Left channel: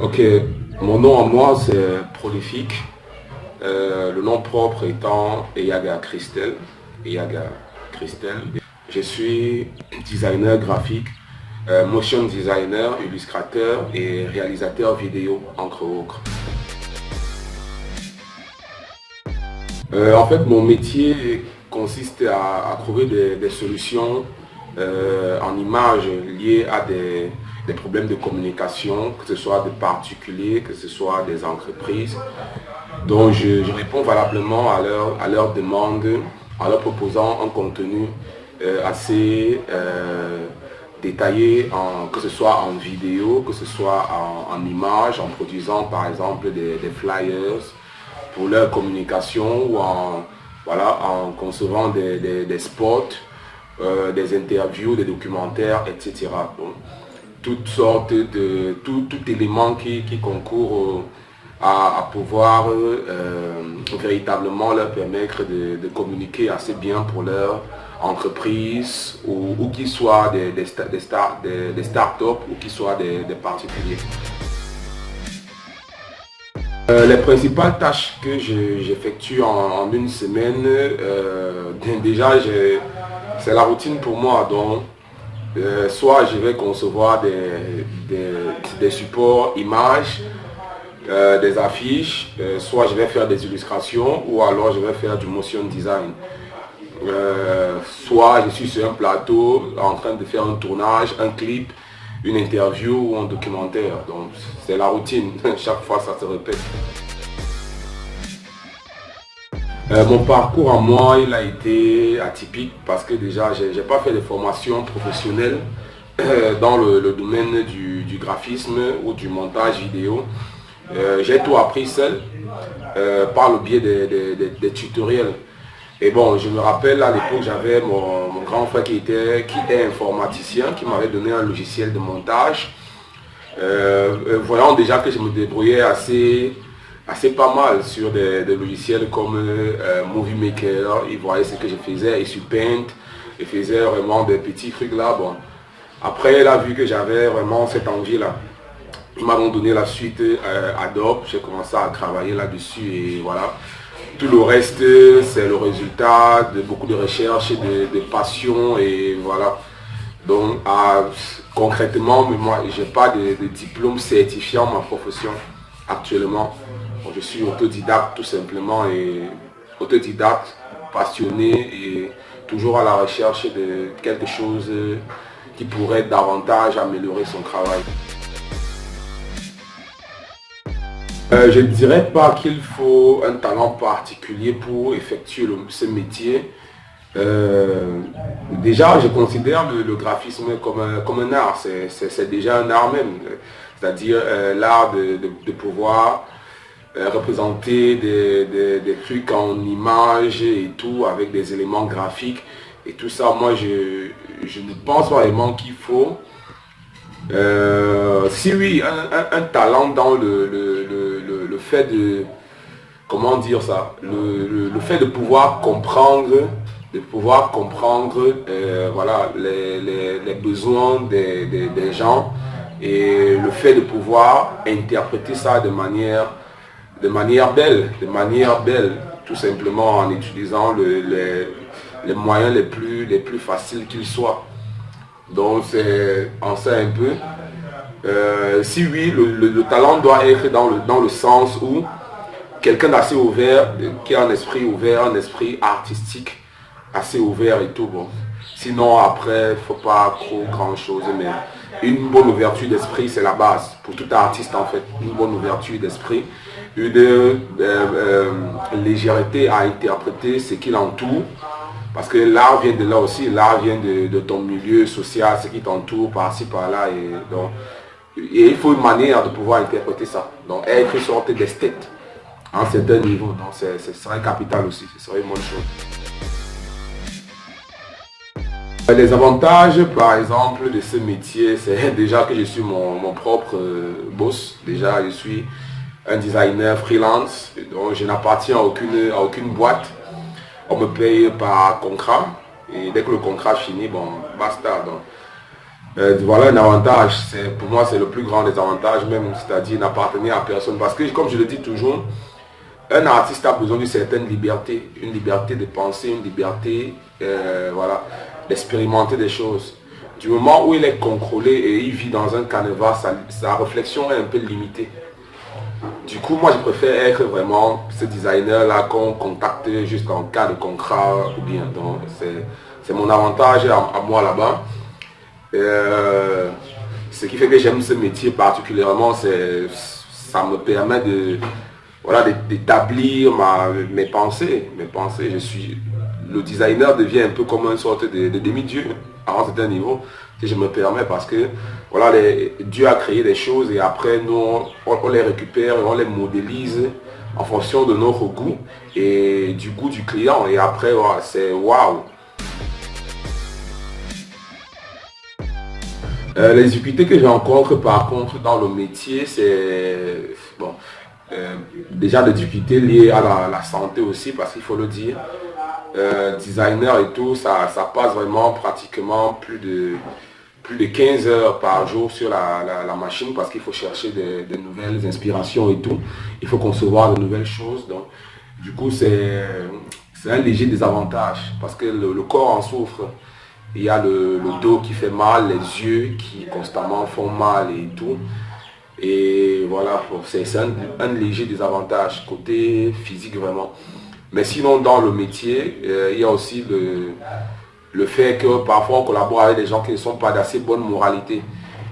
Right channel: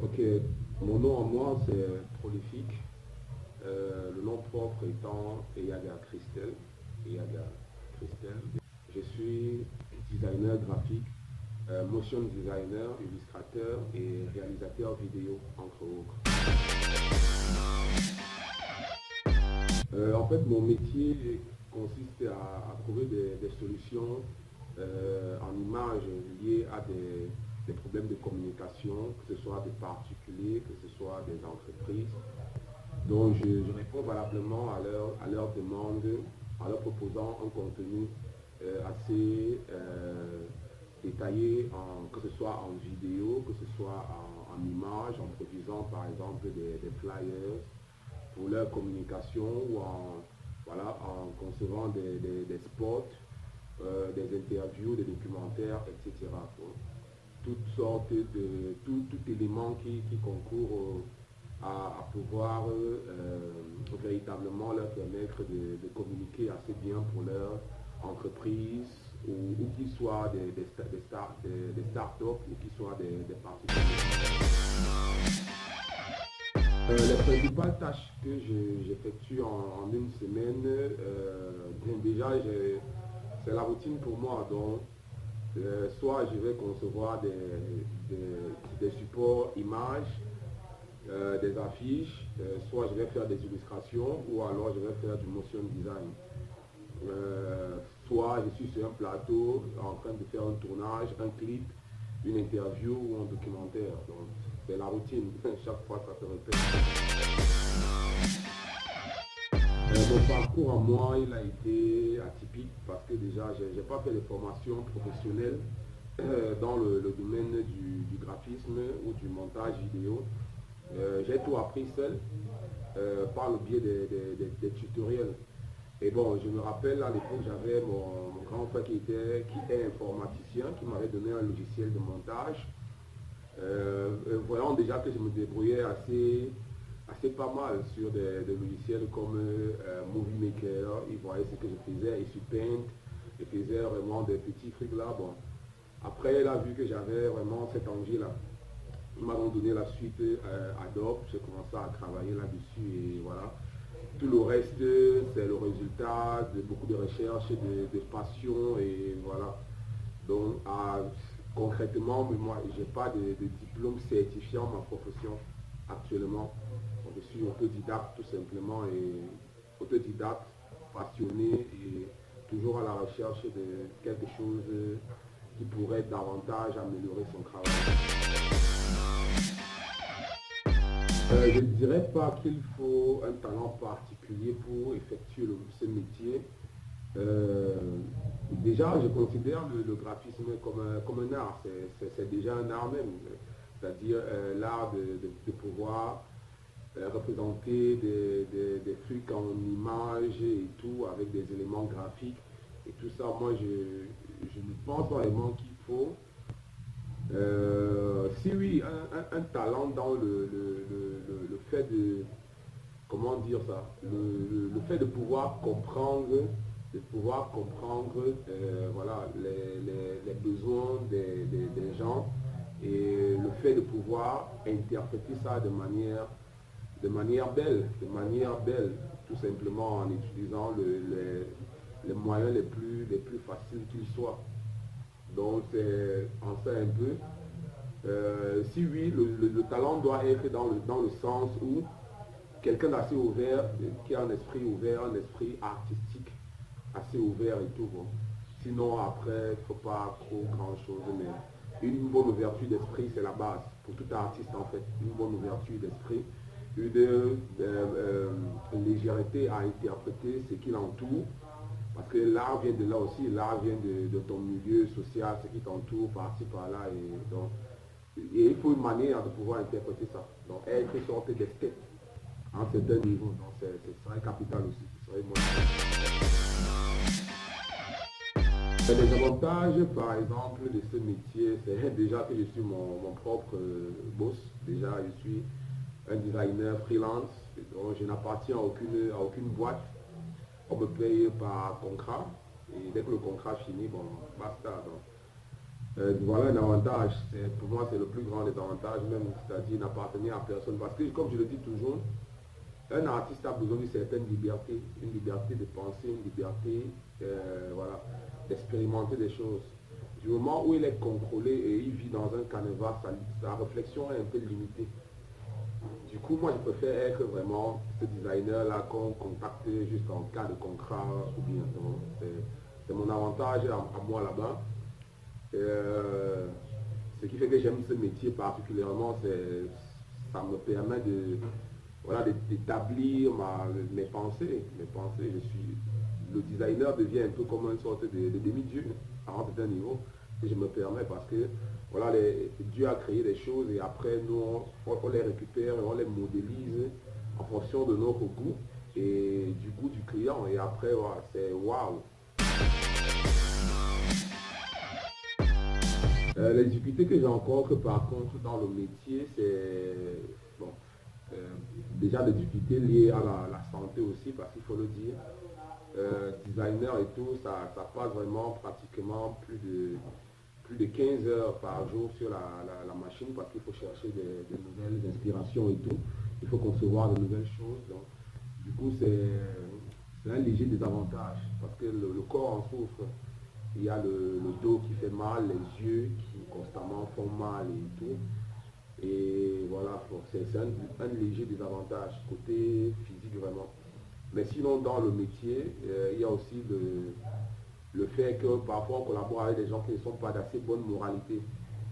Ok, mon nom à moi c'est prolifique. Le nom propre étant Eyaga Christel. Eyaga Christel. Je suis designer graphique, motion designer, illustrateur et réalisateur vidéo, entre autres. En fait, mon métier consiste à trouver des solutions en images liées à des problèmes de communication, que ce soit des particuliers, que ce soit des entreprises. Donc, je réponds valablement à leur demande en leur proposant un contenu assez détaillé, que ce soit en vidéo, que ce soit en images, en produisant par exemple des flyers pour leur communication ou voilà, en concevant des spots, des interviews, des documentaires, etc. Donc, toutes sortes tout élément qui concourt à pouvoir véritablement leur permettre de communiquer assez bien pour leur entreprise ou qu'ils soient des startups ou qu'ils soient des particuliers. Les principales tâches que j'effectue en une semaine, déjà c'est la routine pour moi. Donc, soit je vais concevoir des supports images, des affiches, soit je vais faire des illustrations ou alors je vais faire du motion design. Soit je suis sur un plateau en train de faire un tournage, un clip, une interview ou un documentaire. Donc c'est la routine, chaque fois ça se répète. Mon parcours en moi, il a été atypique parce que déjà, j'ai pas fait de formation professionnelle dans le domaine du graphisme ou du montage vidéo. J'ai tout appris seul par le biais des tutoriels. Et bon, je me rappelle à l'époque, j'avais mon grand frère qui est informaticien, qui m'avait donné un logiciel de montage. Voyant déjà que je me débrouillais assez pas mal sur des logiciels comme Movie Maker, il voyait ce que je faisais, et sur Paint, il faisait vraiment des petits trucs là. Bon. Après, il a vu que j'avais vraiment cette envie-là. Ils m'ont donné la suite Adobe, j'ai commencé à travailler là-dessus et voilà. Tout le reste, c'est le résultat de beaucoup de recherches, de passion et voilà. Donc, concrètement, moi, je n'ai pas de diplôme certifiant ma profession actuellement. Bon, je suis autodidacte tout simplement et autodidacte, passionné et toujours à la recherche de quelque chose qui pourrait davantage améliorer son travail. Je ne dirais pas qu'il faut un talent particulier pour effectuer ce métier. Déjà, je considère le graphisme comme un art. C'est déjà un art même. C'est-à-dire l'art de pouvoir représenter des trucs en images et tout, avec des éléments graphiques. Et tout ça, moi, je ne pense pas vraiment qu'il faut. Si oui, un talent dans le fait de, comment dire ça, le fait de pouvoir comprendre voilà, les besoins des gens et le fait de pouvoir interpréter ça de manière belle, tout simplement en utilisant les moyens les plus faciles qu'ils soient. Donc c'est en ça un peu. Si oui, le talent doit être dans le sens où quelqu'un d'assez ouvert, qui a un esprit ouvert, un esprit artistique assez ouvert et tout. Bon. Sinon après, il ne faut pas trop grand chose, mais une bonne ouverture d'esprit, c'est la base. Pour tout artiste en fait, une bonne ouverture d'esprit, une légèreté à interpréter ce qui l'entoure. Parce que l'art vient de là aussi, l'art vient de ton milieu social, ce qui t'entoure par-ci, par-là. Et il faut une manière de pouvoir interpréter ça. Donc être une sorte d'esthète à un certain niveau. Donc ce serait capital aussi, ce serait une bonne chose. Les avantages, par exemple, de ce métier, c'est déjà que je suis mon propre boss. Déjà, je suis un designer freelance, donc je n'appartiens à aucune boîte. On me paye par contrat et dès que le contrat finit, bon, basta. Donc, Voilà un avantage, pour moi c'est le plus grand des avantages même, c'est-à-dire n'appartenir à personne. Parce que comme je le dis toujours, un artiste a besoin d'une certaine liberté, une liberté de penser, une liberté voilà, d'expérimenter des choses. Du moment où il est contrôlé et il vit dans un canevas, sa réflexion est un peu limitée. Du coup, moi je préfère être vraiment ce designer-là qu'on contacte juste en cas de contrat ou bien. Donc c'est mon avantage à moi là-bas. Euh, Ce qui fait que j'aime ce métier particulièrement, ça me permet de, voilà, d'établir mes pensées. Le designer devient un peu comme une sorte de demi-dieu à un certain niveau, si je me permets, parce que voilà, Dieu a créé des choses et après nous, on les récupère et on les modélise en fonction de notre goût et du goût du client. Et après, voilà, c'est waouh! Les difficultés que je rencontre par contre dans le métier, c'est bon, euh, déjà des difficultés liées à la santé aussi, parce qu'il faut le dire. Designer et tout, ça passe vraiment pratiquement plus de 15 heures par jour sur la machine parce qu'il faut chercher des nouvelles inspirations et tout. Il faut concevoir de nouvelles choses. Donc, du coup, c'est un léger désavantage parce que le corps en souffre. Il y a le dos qui fait mal, les yeux qui constamment font mal et tout. Et voilà, c'est un léger désavantage côté physique vraiment. Mais sinon, dans le métier, il y a aussi le fait que parfois on collabore avec des gens qui ne sont pas d'assez bonne moralité.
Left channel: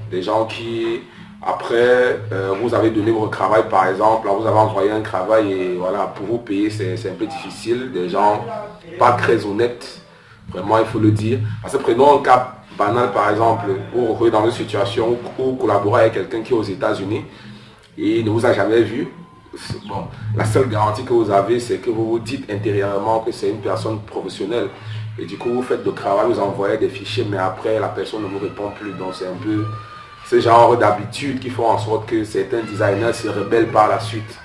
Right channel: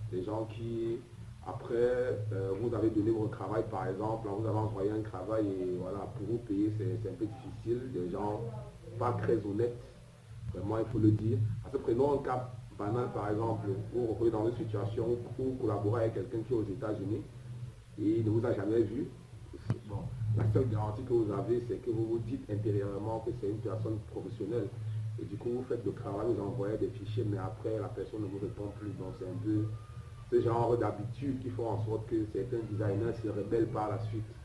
Des gens qui, après, vous avez donné votre travail par exemple, là, vous avez envoyé un travail et voilà, pour vous payer, c'est un peu difficile. Des gens pas très honnêtes. Vraiment, il faut le dire. Parce que prenons un cas banal, par exemple, où vous retrouvez dans une situation où vous collaborez avec quelqu'un qui est aux États-Unis et il ne vous a jamais vu. Bon, la seule garantie que vous avez, c'est que vous vous dites intérieurement que c'est une personne professionnelle. Et du coup, vous faites le travail, vous envoyez des fichiers, mais après, la personne ne vous répond plus. Donc, c'est un peu ce genre d'habitude qui font en sorte que certains designers se rebellent par la suite.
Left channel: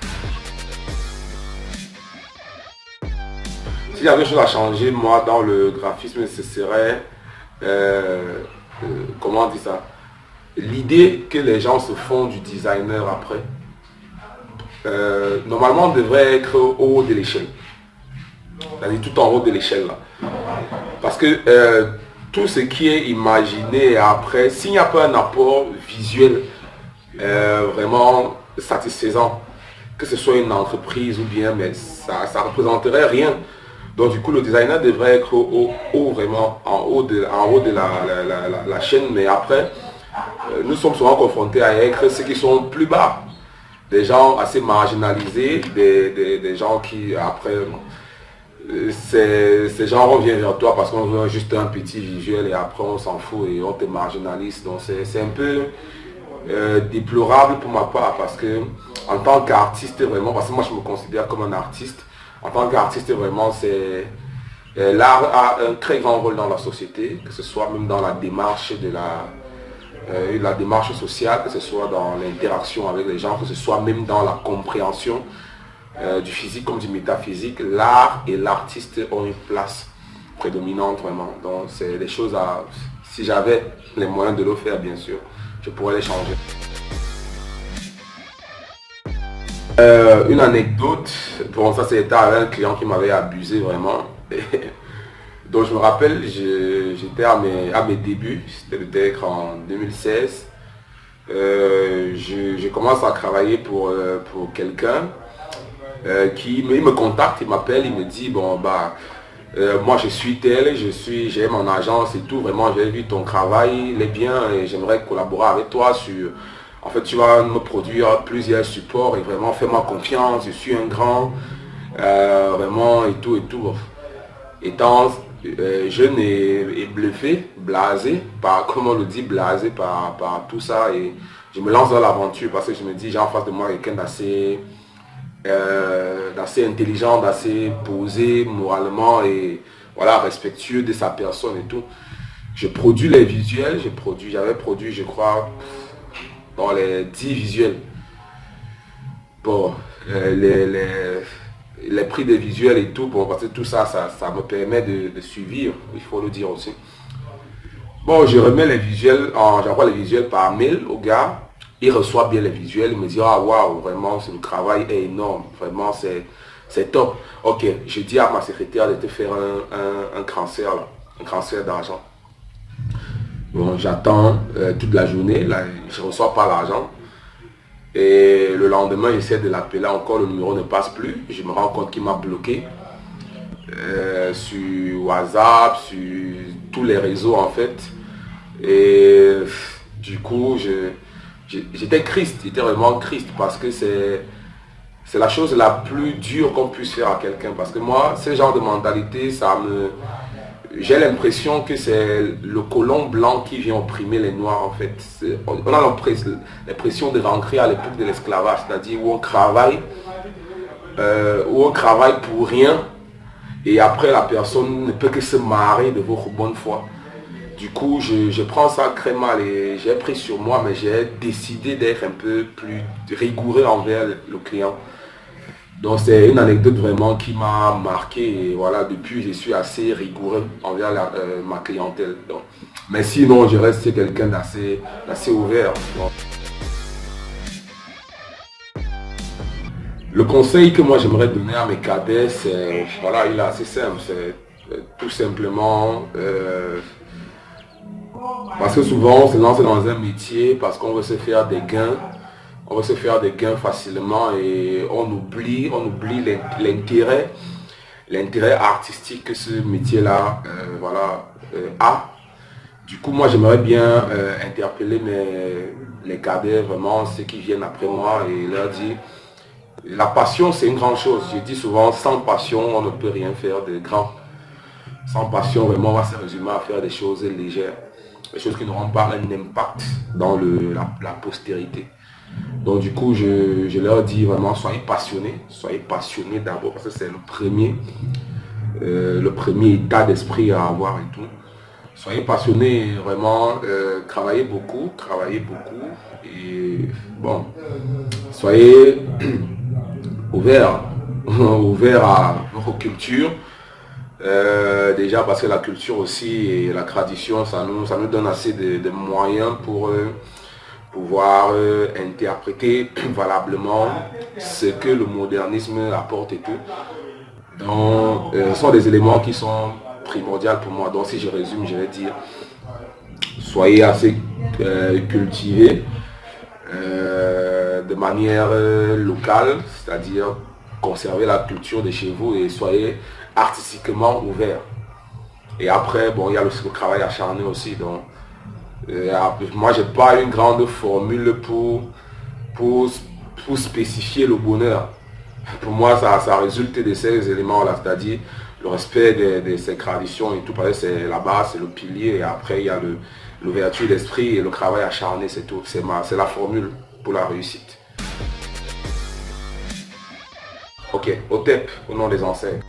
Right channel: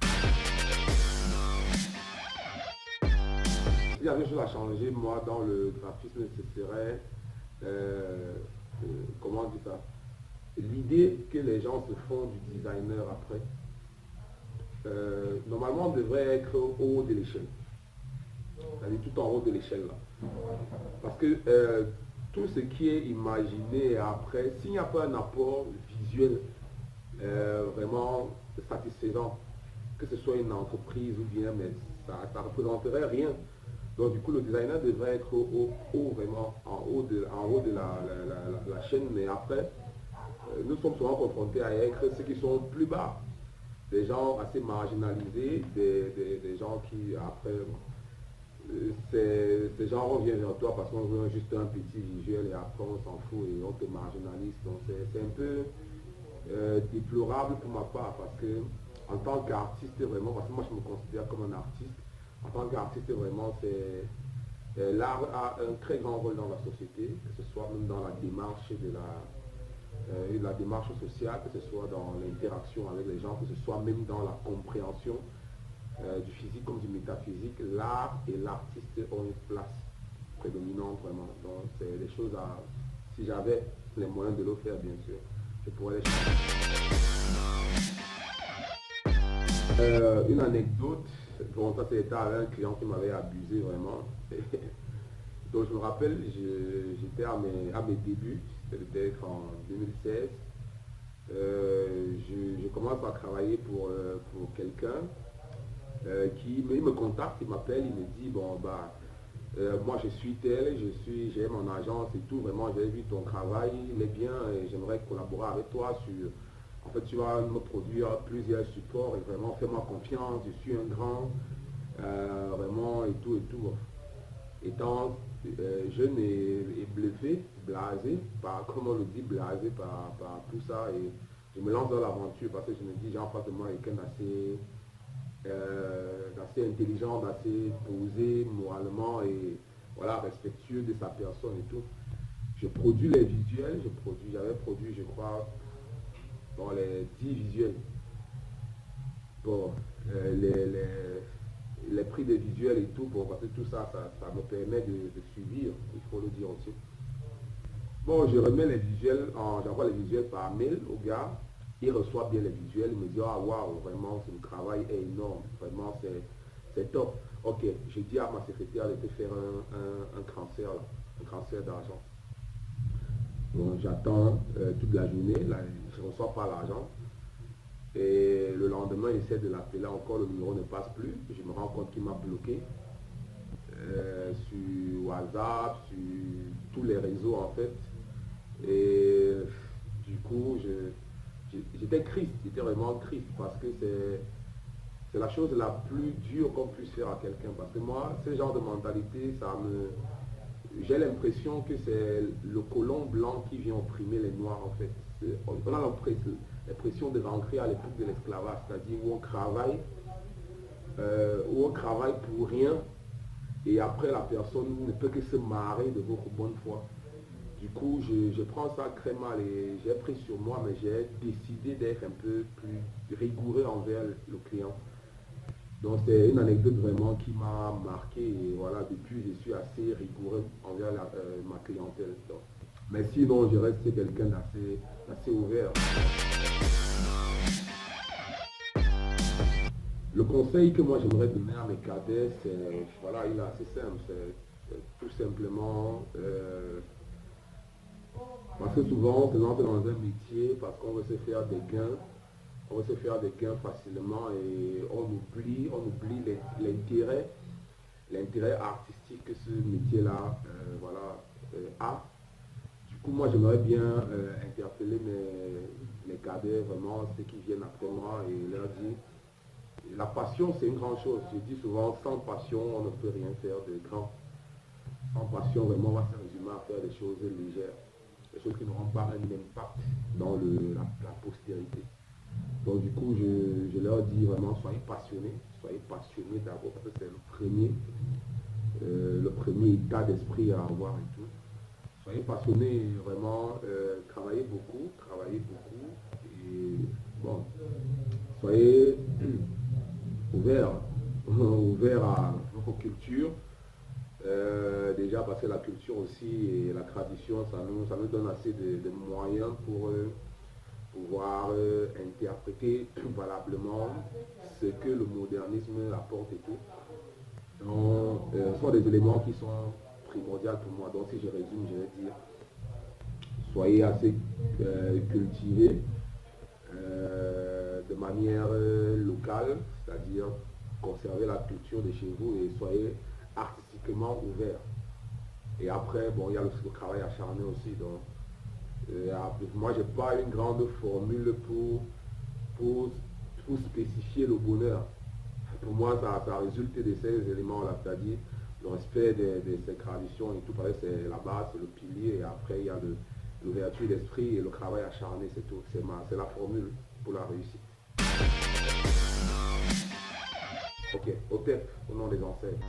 S'il y avait quelque chose à changer, moi, dans le graphisme, ce serait, comment on dit ça, l'idée que les gens se font du designer après. Normalement, on devrait être au haut de l'échelle. C'est-à-dire tout en haut de l'échelle. Là. Parce que tout ce qui est imaginé après, s'il n'y a pas un apport visuel vraiment satisfaisant, que ce soit une entreprise ou bien, mais ça ne représenterait rien. Donc du coup, le designer devrait être vraiment en haut de la chaîne, mais après, nous sommes souvent confrontés à être ceux qui sont plus bas. Des gens assez marginalisés, des gens qui après, ces gens reviennent vers toi parce qu'on veut juste un petit visuel et après on s'en fout et on te marginalise. Donc c'est un peu déplorable pour ma part parce que en tant qu'artiste vraiment, parce que moi je me considère comme un artiste, en tant qu'artiste vraiment l'art a un très grand rôle dans la société, que ce soit même dans la démarche la démarche sociale, que ce soit dans l'interaction avec les gens, que ce soit même dans la compréhension du physique comme du métaphysique. L'art et l'artiste ont une place prédominante vraiment. Donc c'est des choses à, si j'avais les moyens de le faire bien sûr, je pourrais les changer. Une anecdote, bon ça c'était un client qui m'avait abusé vraiment. Donc je me rappelle, j'étais à mes débuts, c'était peut-être en 2016. Je commence à travailler pour quelqu'un il me contacte, il m'appelle, il me dit bon bah moi je suis tel, j'ai mon agence et tout, vraiment j'ai vu ton travail, il est bien et j'aimerais collaborer avec toi sur. En fait, tu vas me produire plusieurs supports et vraiment fais-moi confiance, je suis un grand, vraiment et tout et tout. Étant jeune et bluffé, blasé, comme on le dit, blasé par tout ça et je me lance dans l'aventure parce que je me dis j'ai en face de moi quelqu'un d'assez intelligent, d'assez posé moralement et voilà, respectueux de sa personne et tout. Je produis les visuels, j'avais produit je crois dans les 10 visuels. Bon, les prix des visuels et tout, bon, parce que tout ça, ça me permet de suivre, il faut le dire aussi. Bon, je remets les visuels, j'envoie les visuels par mail au gars. Il reçoit bien les visuels, il me dit, ah waouh, vraiment, le travail est énorme, vraiment, c'est top. Ok, je dis à ma secrétaire de te faire un transfert, là, un transfert d'argent. Bon, j'attends toute la journée, là, je ne reçois pas l'argent. Et le lendemain, j'essaie de l'appeler, encore le numéro ne passe plus. Je me rends compte qu'il m'a bloqué sur WhatsApp, sur tous les réseaux en fait. Et du coup, j'étais triste, j'étais vraiment triste parce que c'est la chose la plus dure qu'on puisse faire à quelqu'un. Parce que moi, ce genre de mentalité, j'ai l'impression que c'est le colon blanc qui vient opprimer les noirs en fait. On a l'impression de rentrer à l'époque de l'esclavage, c'est-à-dire où on travaille pour rien et après la personne ne peut que se marrer de votre bonne foi. Du coup, je prends ça très mal et j'ai pris sur moi, mais j'ai décidé d'être un peu plus rigoureux envers le client. Donc c'est une anecdote vraiment qui m'a marqué et voilà, depuis je suis assez rigoureux envers ma clientèle. Donc, mais sinon, je reste quelqu'un d'assez ouvert. Donc, le conseil que moi j'aimerais donner à mes cadets, c'est, voilà, il est assez simple, c'est tout simplement, parce que souvent on se lance dans un métier parce qu'on veut se faire des gains, on veut se faire des gains facilement et on oublie l'intérêt artistique que ce métier-là voilà, a. Du coup, moi j'aimerais bien interpeller les cadets, vraiment ceux qui viennent après moi et leur dire la passion, c'est une grande chose. Je dis souvent, sans passion, on ne peut rien faire de grand. Sans passion, vraiment, on va se résumer à faire des choses légères. Des choses qui n'auront pas un impact dans la postérité. Donc du coup, je leur dis vraiment, soyez passionnés d'abord, parce que c'est le premier état d'esprit à avoir et tout. Soyez passionnés, vraiment, travaillez beaucoup, et bon, soyez ouverts à votre culture. Déjà parce que la culture aussi et la tradition, ça nous donne assez de moyens pour pouvoir interpréter valablement ce que le modernisme apporte et tout. Donc, ce sont des éléments qui sont primordiaux pour moi. Donc, si je résume, je vais dire, soyez assez cultivés de manière locale, c'est-à-dire conservez la culture de chez vous et soyez artistiquement ouverts. Et après, bon, il y a le travail acharné aussi. Donc, moi, j'ai pas une grande formule pour spécifier le bonheur. Pour moi, ça résulte de ces éléments-là, c'est-à-dire le respect de ces traditions et tout, parce que c'est la base, c'est le pilier, et après, il y a l'ouverture d'esprit et le travail acharné, c'est tout. C'est la formule pour la réussite. Ok, OTEP, au nom des ancêtres.